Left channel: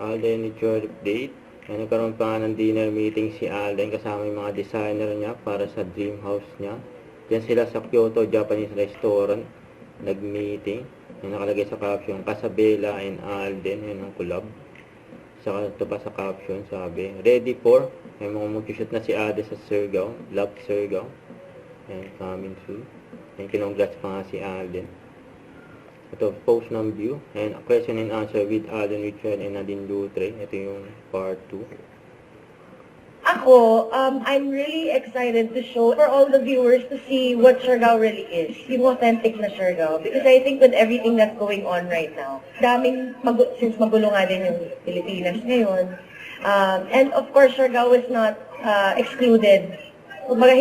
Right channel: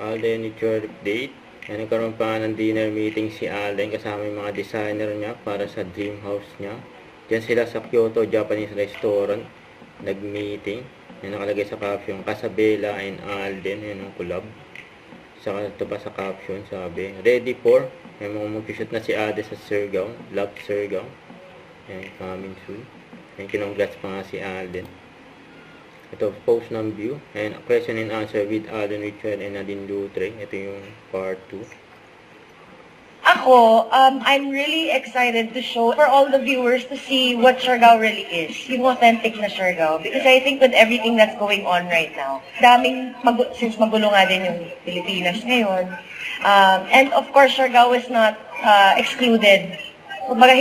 Alden with your update. Nagkaroon pa ng dinner meeting si Alden kasama yung mga designer niya para sa dream house niya. Diyan sila sa Kyoto Japanese Restaurant nag-meeting. Nakalagay sa caption, Casabella and Alden. Yan ang collab. Saka ito pa sa caption, sabi, ready for. May mga mag-shoot na si Ade sa Surigao. Love Surigao. Yan, coming soon. And kinongrats pa nga si Alden. Ito, post ng view. And question and answer with Alden Richard and Nadine Lutre. Ito yung part 2. Ako, I'm really excited to show for all the viewers to see what Siargao really is. Yung authentic na Siargao. Because I think with everything that's going on right now, since magulo nga din yung Pilipinas ngayon, and of course, Siargao is not excluded. Kumbaga,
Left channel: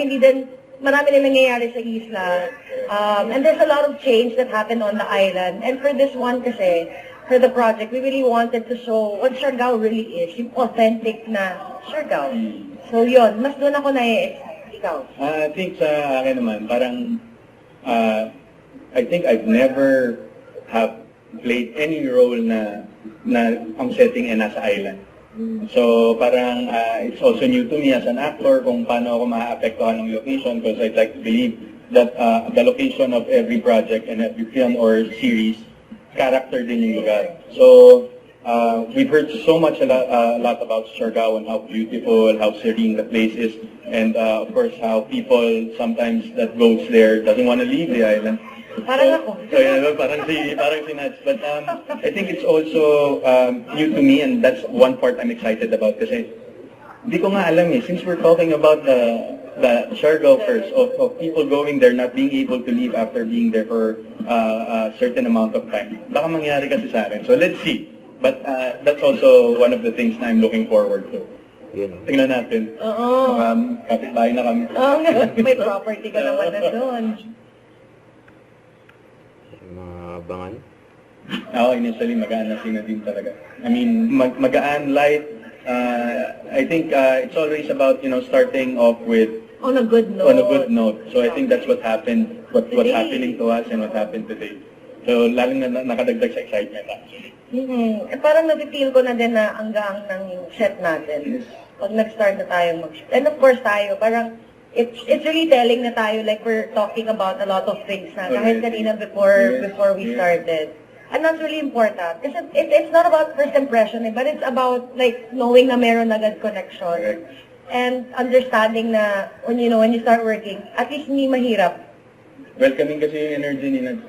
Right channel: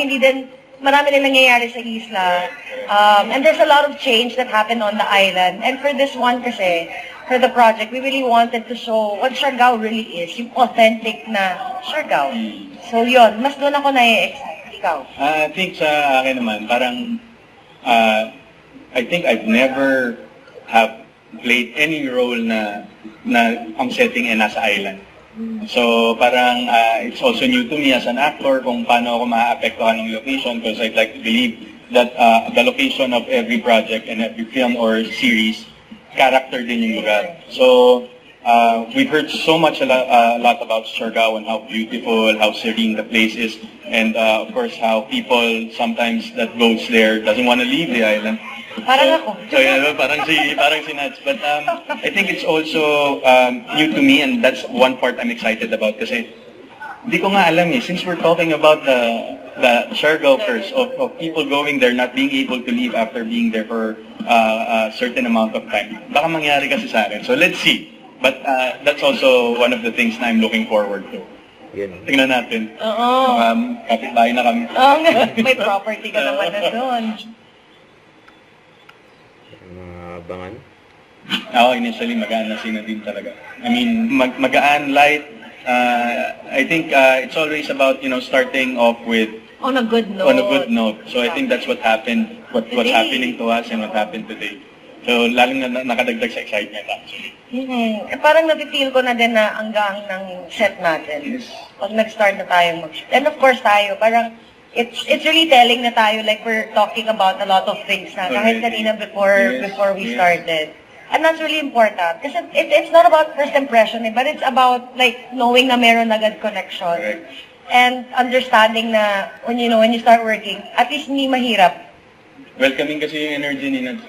marami din nangyayari sa isla. And there's a lot of change that happened on the island. And for this one kasi, for the project, we really wanted to show what Siargao really is, yung authentic na Siargao. So yun, mas doon ako na-excite. Ikaw? I think sa akin naman, parang, I think I've never have played any role na ang setting ay nasa island. So parang it's also new to me as an actor kung paano ako maaapektuhan ng location because I'd like to believe that the location of every project and every film or series, character din yung lugar. So we've heard so much a lot about Siargao and how beautiful, how serene the place is, and of course how people sometimes that goes there doesn't want to leave the island. Parang ako. So yeah, parang si Nats. But I think it's also new to me, and that's one part I'm excited about kasi hindi ko nga alam since we're talking about the Siargao curse of people going there not being able to leave after being there for a certain amount of time. Baka mangyari kasi sa akin. So let's see. But that's also one of the things na I'm looking forward to. Yun. Tingnan natin. Oo. Kapitbahay na kami. Oo nga, may property ka naman na doon. Abangan. Ako, initially, magaan na sina din talaga. I mean, magaan, light. I think it's always about, starting off with On a good note. on a good note. So I think that's what happened, what's happening to us and what happened today. So lalong na nakadagdag sa excitement actually. Parang nafe-feel ko na din na anggang ng set natin. Yes. Pag nag-start na tayong mag-shoot. And of course tayo, parang it's really telling na tayo like we're talking about a lot of things na kahit kanina before we started. And that's really important. Kasi it's not about first impression but it's about like knowing na meron agad connection. Correct. And understanding na when you start working, at least hindi mahirap. Welcoming kasi yung energy ni Nat.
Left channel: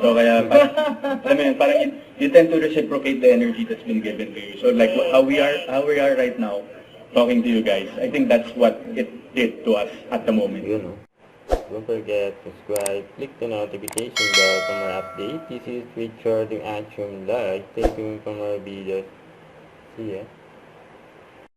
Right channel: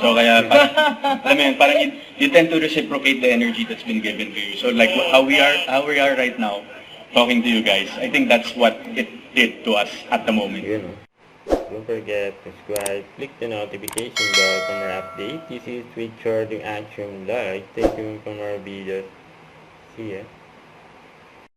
So kaya parang, alam mo yun, parang you tend to reciprocate the energy that's been given to you. So like how we are right now, talking to you guys, I think that's what it did to us at the moment. Yun. Don't forget to subscribe, click the notification bell for more updates. This is Richard yung Action Live. Thank you for more videos. See ya.